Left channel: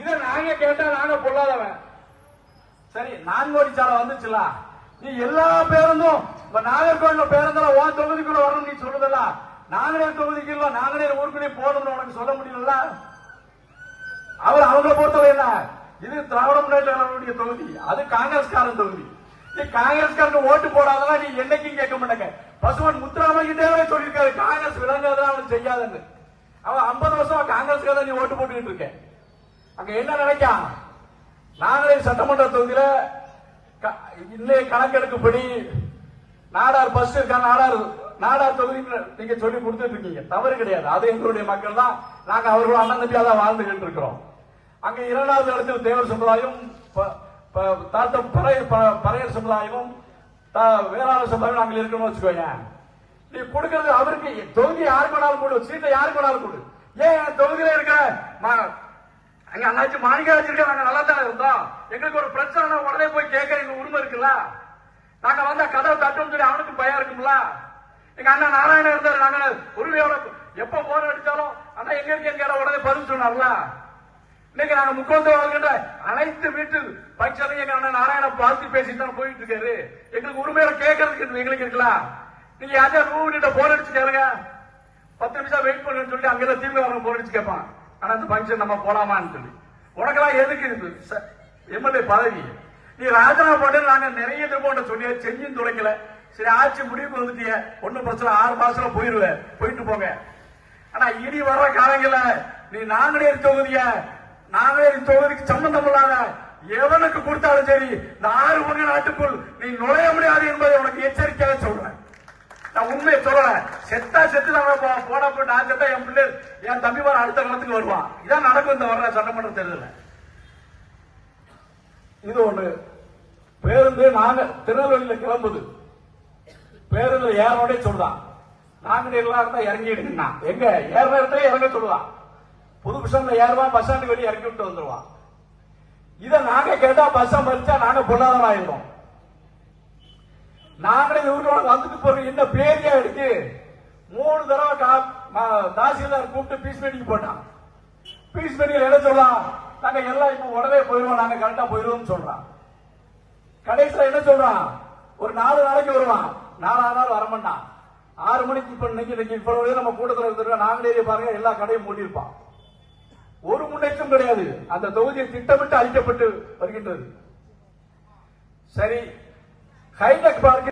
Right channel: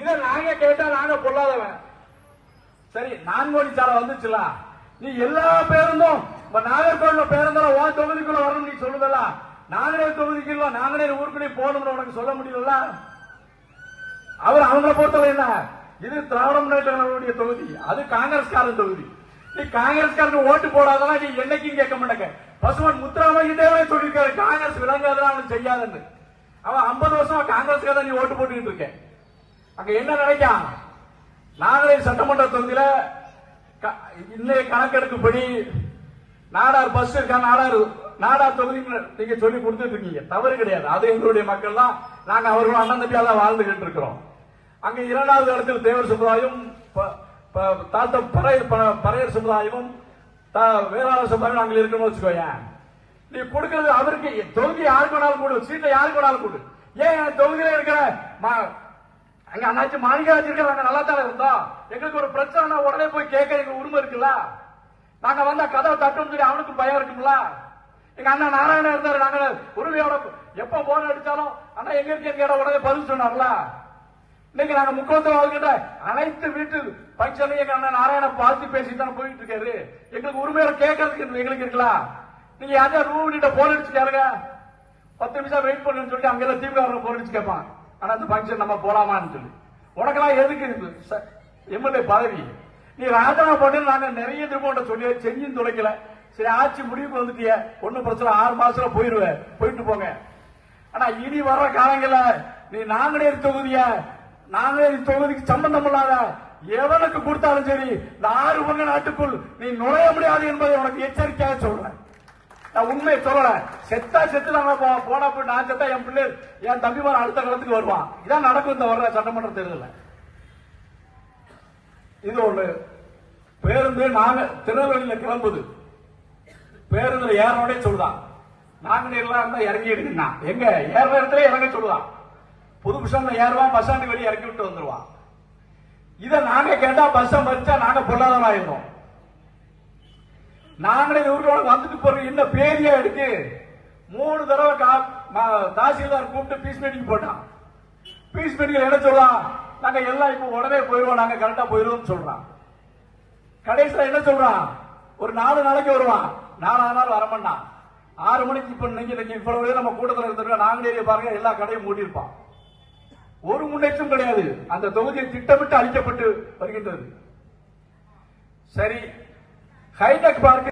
இதை நாங்க கேட்டா நாங்க பொல்லாதவன். சரி நான்கோடி சாலை வந்துச்சுல. நீ எல்லா பேருந்தும் இப்ப நாகர்கோவில பேருந்துல ஓ தொகுதிக்குள்ள வரணும் நீ சொல்லுதல நாங்களே தொகுதிக்குள்ள நாங்களே ஊருக்குள்ளே போகணும் உனக்கு சொல்ல முடியல அவர் அவங்க பொறுத்தவரை என்ன? இது திராவிட முன்னேற்ற தொகுதி அது காங்கிரஸ்காரன் தொகுதி. நீ காங்கிரஸ்காரங்க ஓட்டு போடாதான் நீ என்னைக்கும் கேட்க மாட்டாங்க. பசுவன் முத்துராமலிங்கத்தேவரே சொல்லியிருக்காரு காங்கிரஸ் விளங்காதான் அவனுக்கு செய்யாதுன்னு அவன் ஐம்பது வருஷம் காங்கிரஸ்காரன் நீ ஓட்டு போட்டுக்கிட்டு இருக்கேன். அங்க என்ன நினைக்கான் நாங்களே சட்டமன்ற தொகுதியில க- இன்னைய கணக்கெடுப்புப்படி நாடார் பஸ் இருக்கா நாடார் நாடார் தொகுதி நீங்க சொல்லி கொடுத்துட்டு இருக்கீங்க. தவறு கிடையாது. அது எங்களுடைய மக்கள் தான் நாங்க அவர்கள் அண்ணன் தான் வாழ்ந்துகிட்டு இருக்கிறோம். அங்க இரண்டாவது இடத்தில் தேவர் சமுதாயம் தாத்த பறையர் ப- சமுதாயமும் தா- வேளாண் சமுதாயம் அங்க இருக்கணும்னு வச்சுக்கோங்க நீ கொடுக்கறது அவருக்கு தொகுதி யாருக்கு வேணாலும் கொடு சீட்டை யாருக்கு வேணாலும் கொடு. ஏன் தொகுதியில இருக்கிற எங்க அண்ணாச்சி மாணிக்கராஜ் இருக்க நல்லா தான் இருந்தோம் எங்களுக்கு ஒரு பிரச்சனை உடனே போய் கேட்க எங்க உரிமை இருக்குல்ல? நாங்க வந்த கதவை தட்டும் சொல்லி அவனுக்கு பயம் இருக்குல்ல எங்க அண்ணன் நாராயணன் இருந்தாரு நாங்க உரிமையோட எப்ப போன அடிச்சாலும் ஆனா எங்க இருக்க கேட்ட உடனே பதில் சொன்னார்ல? இன்னைக்கு நாங்க முக்கியத்துவ அனைத்து வீட்டு பட்சம் எங்க அண்ணன் நாராயணன் பார்த்து பேசிட்டு தான் போயிட்டு இருக்காரு. எங்களுக்கு உரிமையோட கேட்கறதுக்கு எங்களுக்கு இருக்கலாம் நீங்க யாரும் ரூம் கிட்ட போன் அடிச்சுக்காருங்க பத்து நிமிஷம் வெயிட் பண்ணுன்னு சொல்லிட்டு அங்கதான் திரும்ப அவங்க போன் அடிச்சு கேட்பான். அந்த ஃபங்க்ஷன் நம்ம போலாமான்னு சொல்லி உனக்கெல்லாம் எதுக்கு இருக்கு எம்எல்ஏ பதவி. நீ ராஜினாமா போட்டு நாங்க நிறைய திரும்ப சொல்லி செஞ்சு துடைக்கல. சரி ஆட்சி முடிவுக்கு வந்துட்டிய. ஒன்றும் பிரச்சனை ஆறு மாசத்துல போயிருவேன் போயிட்டு போங்க. ஆனா இனி வர காலங்கள நீ நாங்குநேரி தொகுதிய நாங்குநேரி தொகுதிக்கு சம்பந்தம் இல்லாத எவனுக்கு கொடுத்தாலும் சரி இந்த ஆறு பங்க நாட்டுக்குள் நீ நுழைய முடியாது என்பதை உனக்கு எச்சரிக்கையாக சொல்றேன். நான் உண்மையை சொல்றேன் செத்தா செத்து நான் போ- போனா போய் நான் செத்தா என் பிள்ளை என் தம்பி அடுத்த காலத்துக்கு வருவான். இதான் நடக்கும் இந்த வர்ற சட்டமன்ற தேர்தல் இது ஒண்ணு. பேருந்து நாங்க திருநெல்வேலியில கிளம்புது. பேருந்து ஏறோடே சொல்றான் நாங்க எல்லாம் இறங்கி எடுக்கணும் எங்க? ஏற இடத்துல இறங்க சொல்லுவான் புது பஸ்ல ஏறுவான் பஸ் ஸ்டாண்டு வெளியே இறக்கி விட்டு வந்துருவான் இதை நாங்க கேட்டா பஸ் வச்சா நாங்க பொருளாதாரம் ஆயிருவோம் நாங்களே ஊரோட வந்துட்டு போறோம். என்ன பேரியா இருக்கு? மூணு தடவை தாசில்தார் கூப்பிட்டு பீஸ் மீட்டிங் போட்டான். பீஸ் மீட்டிங் என்ன சொல்றான்? நாங்க எல்லாம் இப்ப உடனே போயிருவோம் நாங்க கரெக்டா போயிருவோம் சொல்றான். கடைசியில என்ன சொல்றான்? ஒரு நாலு நாளைக்கு வருவான். நாலு நாள் வரமாட்டான். ஆறு மணிக்கு இப்ப நீங்க நீங்க இவ்வளவு நம்ம கூட்டத்தில் இருக்கிற நாங்களே பாருங்க எல்லா கடையும் மூடியிருப்பான். ஒரு முன்னேற்றம் கிடையாது. அந்த தொகுதியை திட்டமிட்டு அழிக்கப்பட்டு வருகின்றது. சரி ஹைடெக் பார்க்